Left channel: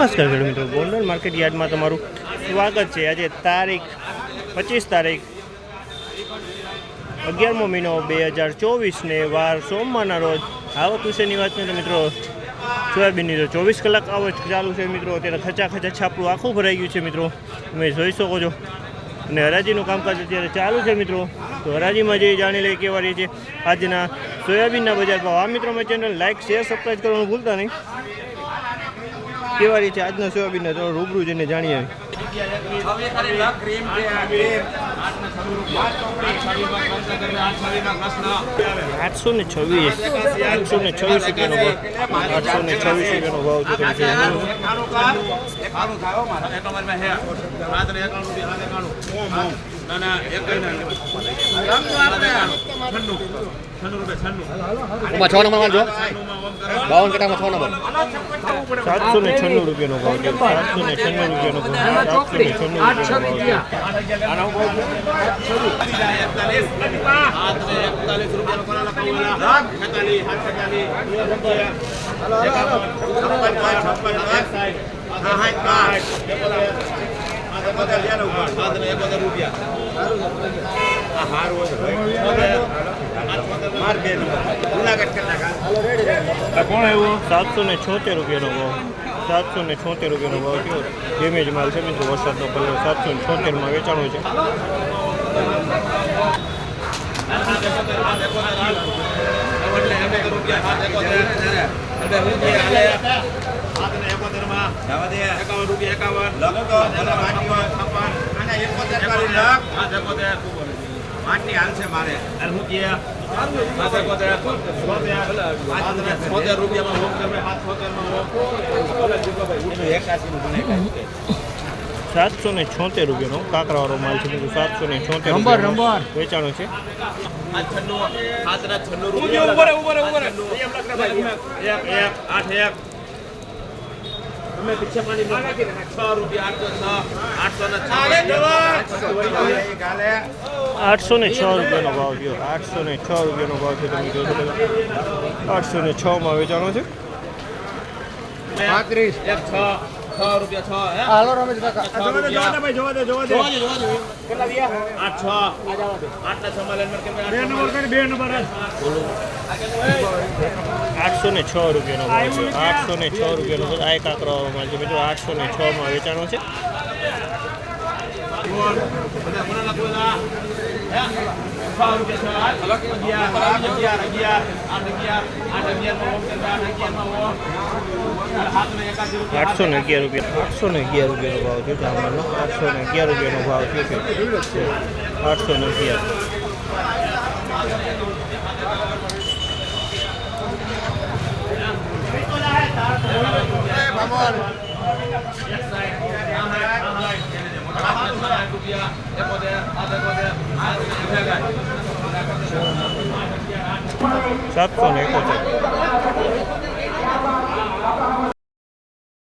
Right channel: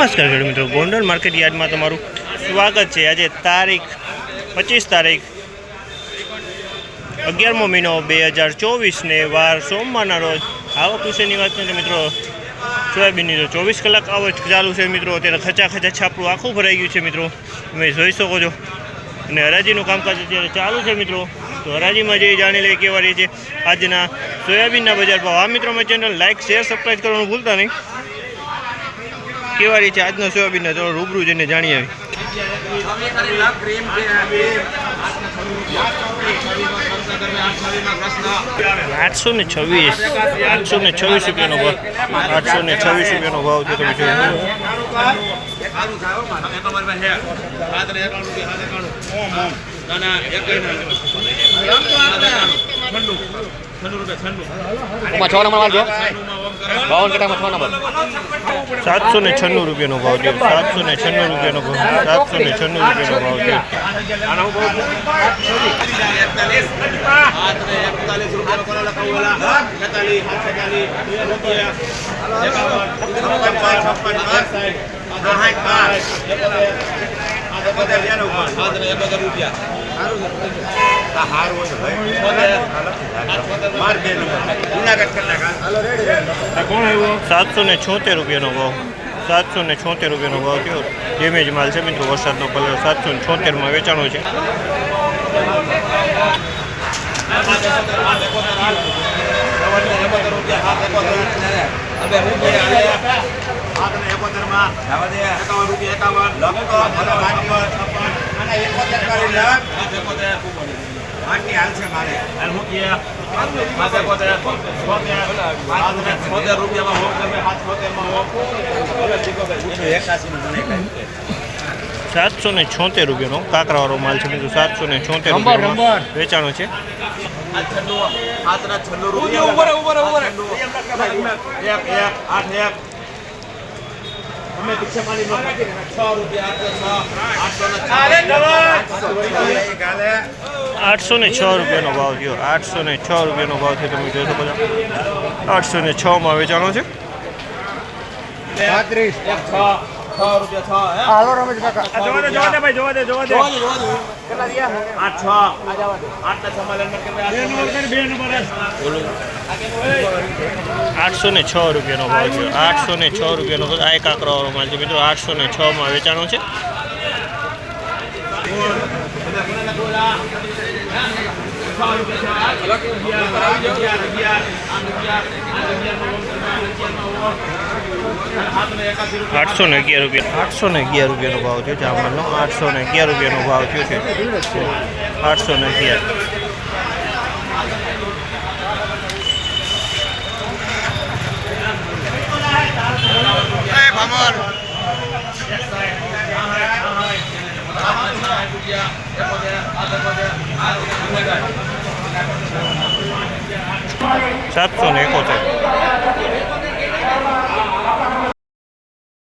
નમસ્કાર ખેડૂત મિત્રો, ગોંડલ માર્કેટ યાર્ડમાં તમારું સ્વાગત છે. આજે તારીખ પચીસ તારીખ અગિયારમો મહિનો બે હજાર ચોવીસને વાર સોમવારના રોજ આવક વિશેની વાત કરીએ તો મિત્રો, સોયાબીનની તો ચોવીસ કલાક આવક ચાલુ છે મિત્રો. અત્યારે ખચા ખચા છાપડું આખું ભરાઈ ગયું છે મિત્રો. તમે જોઈ શકો છો. અને હરાજીનું કામકાજ અત્યારે ચાલુ છે મિત્રો. તો હરાજીમાં જે જાણી લઈએ કેવા રહી છે, આજના સોયાબીનના બજાર ભાવ. આ મિત્રો મેં ચેનલ લાઇક શેર સબસ્ક્રાઈબ કરવાનું ભૂલતા નહીં. કેવા રીતે આજનો સોયાબીનના તો રૂબરૂ જઈને જાણી આવી આઠસો ને છવ્વીસ આઠસો ને છવ્વીસ રૂપિયાનો ભાવ. આઠસો ને છવ્વીસ રૂપિયાનો ભાવ છે તમે જોઈ છન્નું. છન્નું રૂપિયા છન્નું. છ નંબર મારજો છન્નુંમાં ઓમ કરો બાવન કટામાં છ નંબર સાતસો ને છન્નું રૂપિયાનો ભાવ છે સાતસો ને છન્નું રૂપિયાનો ભાવ સાતસો ને છન્નું રૂપિયાનો ભાવ છે રૂપિયા છપ્પન સાતસો ને છોતેર રૂપિયાનો ભાવ. સાતસો ને છોતેર રૂપિયાનો ભાવ થયો. ડેમેજ માલ છે મિત્રો વરસાદનો કલર સાતસો ને છોતેરમાં વેચાણો છે. એકાવન રૂપિયા એકાવન. છોતેર રૂપિયામાં હોમ તમે હાથ છોતેરમાં હોમ સાતસો ને છોતેર રૂપિયાનો કાંકરાવાળો માલ છે બીજું સાતસો ને છોતેર રૂપિયામાં વેચાણો છે. છન્નું રૂપિયા એક એક આઠ એક. અમે પીછે છ રૂપિયા આઠસો છ આઠસો ને આઠસો ને છ રૂપિયાનો ભાવ થયો. આઠસો ને છ રૂપિયાનો ભાવ થયો. તમે જોઈ શકો છો. આઠસો ને છમાં વેચાણો છે. પાંત્રીસ. છ. છ રૂપિયા છ હે હાલો રમેશ કાકા. છ રૂપિયા જોવા દે જોવા દે જોવા દે. કેટલા દિયા? આઠ છ. આઠ ને છ માં લેન્ડમાર્ક કેટલા બે નંબર બોલો. આઠસો ને છ રૂપિયાનો ભાવ છે. આઠસો ને છ રૂપિયાનો. આ એક આકરો માલ છે. મિત્રો આઠસો ને છમાં વેચાણો છે. આઠસો ને અગિયાર રૂપિયા આઠસો ને અગિયાર રૂપિયાનો ભાવ થયો જામવાનો આઠસો ને અગિયાર રૂપિયાનો ભાવ થયો છે આઠસો ને અગિયાર સાતસો ને એકોતેર